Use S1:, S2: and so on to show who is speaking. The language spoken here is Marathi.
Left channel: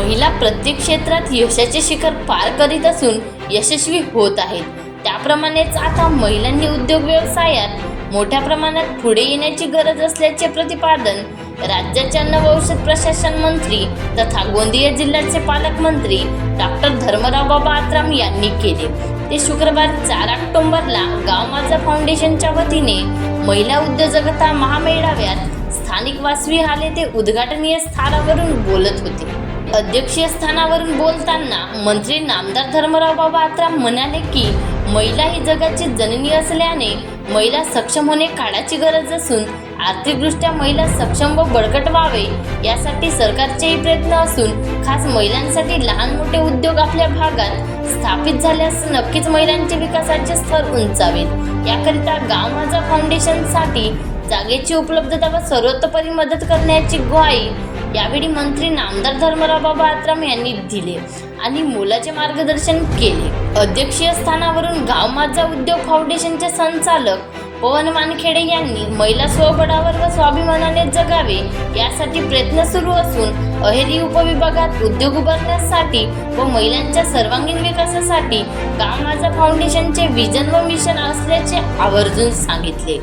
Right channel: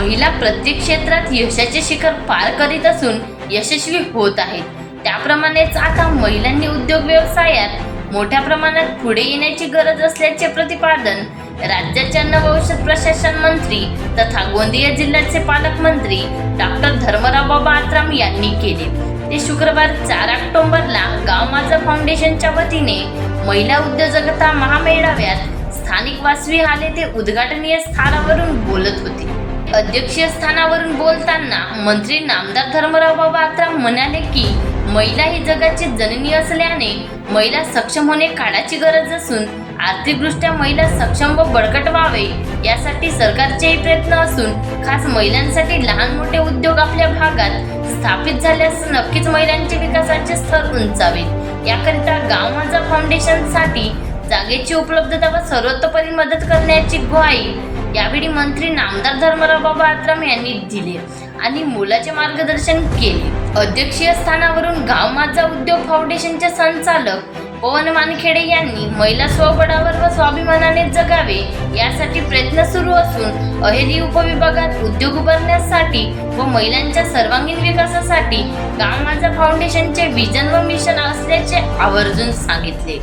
S1: महिला प्रत्येक क्षेत्रात यशाचे शिखर पार करीत असून यशस्वी होत आहेत. त्याप्रमाणेच आता महिलांनी उद्योग व्यवसायात मोठ्या प्रमाणात पुढे येण्याची गरज असल्याचे प्रतिपादन राज्याचे अन्न औषध प्रशासन मंत्री तथा गोंदिया जिल्ह्याचे पालकमंत्री डॉक्टर धर्मराव बाबा आत्राम यांनी केले. ते शुक्रवार चार ऑक्टोबरला गाव माझा फाउंडेशनच्या वतीने महिला उद्योजकता महामेळाव्यात स्थानिक वासवी हाले ते उद्घाटनीय स्थानावरून बोलत होते. अध्यक्षीय स्थानावरून बोलताना मंत्री नामदार धर्मराव बाबा आत्राम म्हणाले की महिला ही जगाची जननी असल्याने महिला सक्षम होणे काळाची गरज असून आर्थिकदृष्ट्या महिला सक्षम व बळकट व्हावे यासाठी सरकारचेही प्रयत्न असून खास महिलांसाठी लहान मोठे उद्योग आपल्या भागात स्थापित झाल्यास नक्कीच महिलांचे विकासाचे स्तर उंचावे याकरिता गाव माझा फाउंडेशनसाठी जागेची उपलब्धता व सर्वतोपरी मदत करण्याची ग्वाही यावेळी मंत्री नामदार धर्मराव बाबा आत्राम यांनी दिले आणि मोलाचे मार्गदर्शन केले. अध्यक्षीय स्थानावरून गाव माझा उद्योग फाउंडेशनचे संचालक पवन मानखेडे यांनी महिला स्वबळावर व स्वाभिमानाने जगावे यासाठी प्रयत्न सुरू असून अहेरी उपविभागात उद्योग उभारण्यासाठी व महिलांच्या सर्वांगीण विकासासाठी गाव माझा फाउंडेशनचे विजन व मिशन असल्याचे आवर्जून सांगितले.